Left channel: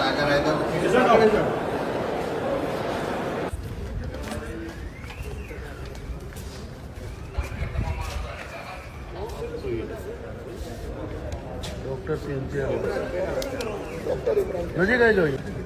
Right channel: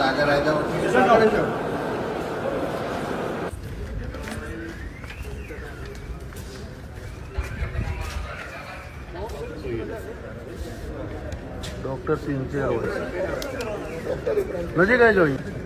આગળ આવી જાઓ. ડૉક્ટર સિંચે નજીક આવી જોઈએ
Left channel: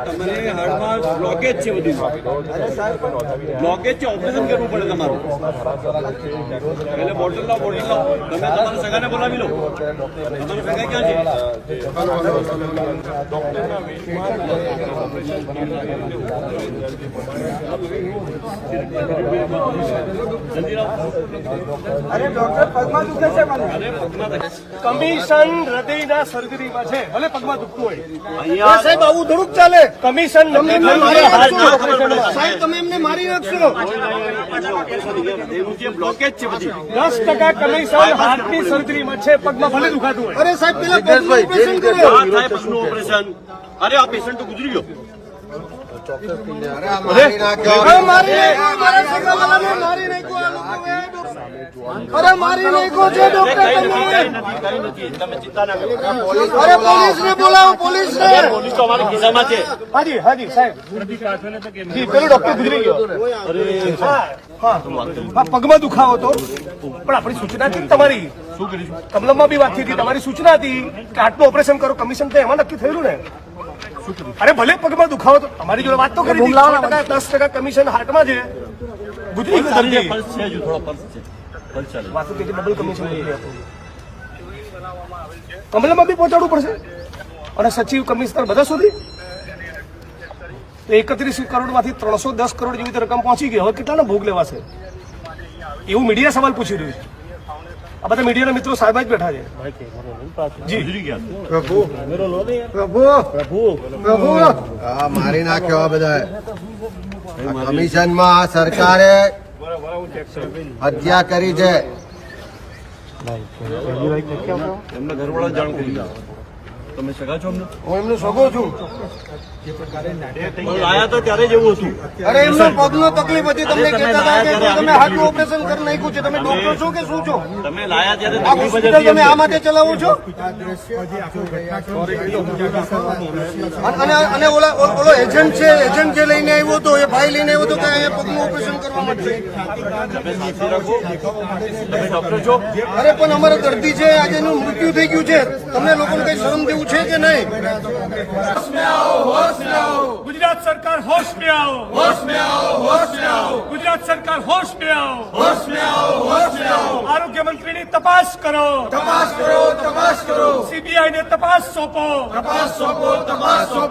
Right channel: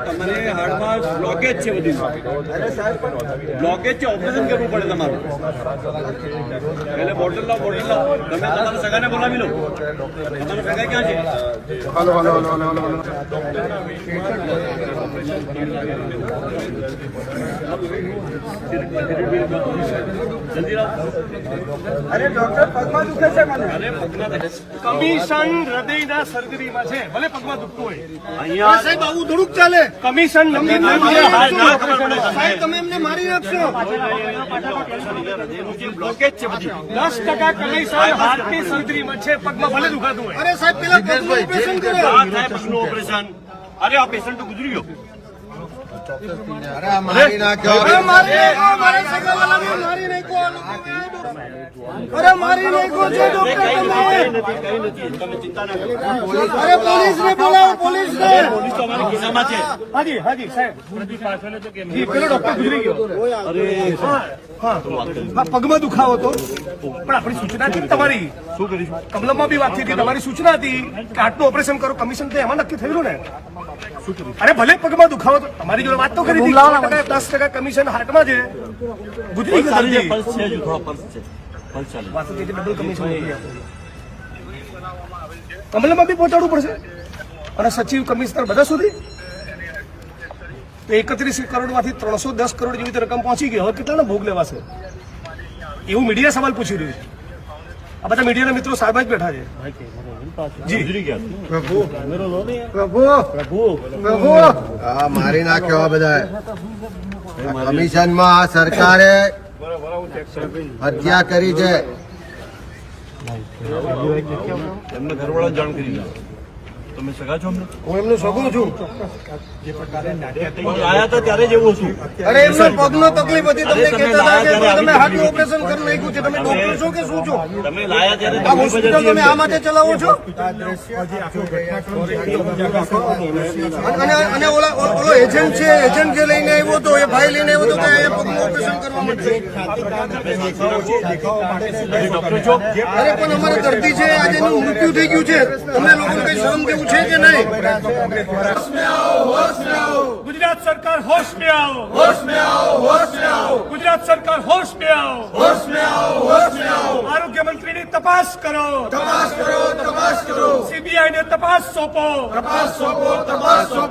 તમારે હાર્ટમાં બ્લોકેજ છે બધું બ્લોકેજ છે ઓપરેશન કરવું પડે તમારું એટલે બોટલ લાવો બોટલ લાવો તમે તમારા સગાને બોલાવી લો તમારો સગા ક્યાં છે જલ્દી લાવો અરે ડોક્ટર પગમાં દુખે છે મને. કમિશન હૃદયના સર્જરીમાં છે. ભલે પગમાં દુખતું હોય. અહીંયા સાહેબ આવું થોડુંક ચાલે. કમિશન તમે એમને મારી નાખશો ના ખબર પડે. સાહેબ તમે એમને મારી નાખશો બ્લોકેજ છે બધી. દસ ટકા કમિશન હાર્ટની સર્જરીમાં છે. પગમાં ભલે દુખાતું હોય. અરે સાહેબ પેલા પગનું ઓપરેશન કરો. આ થાય પગનું ઓપરેશન અરે આ પેશન્ટ તો ગુજરી ગયો. અરે મારી નાખ્યો. મારી નાખ્યો, મારી નાખ્યો. અરે મારી નાખ્યો છે ડોક્ટર તમે. કઈ નથી કઈ નથી. તમે ચિંતા ના કરો. અરે પોલીસને બોલાવો પોલીસને. પોલીસ તો અમારા ખિસ્સામાં છે. હાજી હાજી સાહેબ. જી પેલો ડોક્ટર ગુજરી ગયો. અરે હા હા. પગમાં દુખાવો હતો. પણ આપણી સૂચના હતી તમારી. શું કરીશું કમલમમાં બી વાત થઈ હતી. તમારી સૂચના હતી કે આટલું ઓપરેશન કરો. કમિશન તો એમાં નક્કી થયેલું ને. અરે ભલે પગમાં દુખાવો તો તમારી જોડે વાત તો કરી. દસ ટકા કમિશન હાથમાં છે. ગુજરી ગયો. પલ્સ થોડો પલ્સ છે. ડબલ કમિશન કમલમાં બી પહોંચાડવું પડશે. અને સચિવ કમિશનર બધા સુધી તો એકત્રીસ કરોડમાંથી ત્રણસો દસ કરોડ જેવી રીતે રકમ પહોંચી ગઈ. હવે કેટલાનો ભોગ લેવાશે? એવું મીડિયા સવાલ પૂછી રહ્યું છે. આ બધા મીડિયાના મિત્રો સાહેબ જ બેઠા છે. પ્રભુ. પ્રભુ. પ્રભુ. મારી નાખ્યો બધા કમિશનમાં આ સરકારે હત્યા કરી છે. એમને ઘરવાળા જાણ કરી દો તમે સગા છો હું એમનો સગો છું. આયા હતા ત્યારે જ એવું હતું. અરે એમનો પગનો તકલીફ હતી. તમને કહેતા હતા કે તમે ત્યારે ઓપરેશન કરી નાખ્યું છે. તમે ડોક્ટર છો કે શું છો? તમે લાયા ત્યારે તમે આ માટે ચલાવો છો? અને અને ઓલા ઓલો એજન્ટ છે એજન્ટ જે લઈને આવ્યો હતો એ ભાઈ લઈને અરે પણ અમારા દર્દી છે આજે એનું મૃત્યુ થઈ ગયું છે. તમને લોકોને શરમ જેવું છે કે નહીં? ગુજરાત સરકાર હોશ મે આવો. હોશ મે આવો હોશ મે આવો ગુજરાત સરકાર હોશ મે આવો. હોશ મે આવો હોશ મે આવો આરોગ્ય મંત્રીની તપાસ કરો. તપાસ કરો તપાસ કરો. સીબીઆઈ ને તપાસ સોંપો. તપાસ સોંપો તપાસ સોંપો.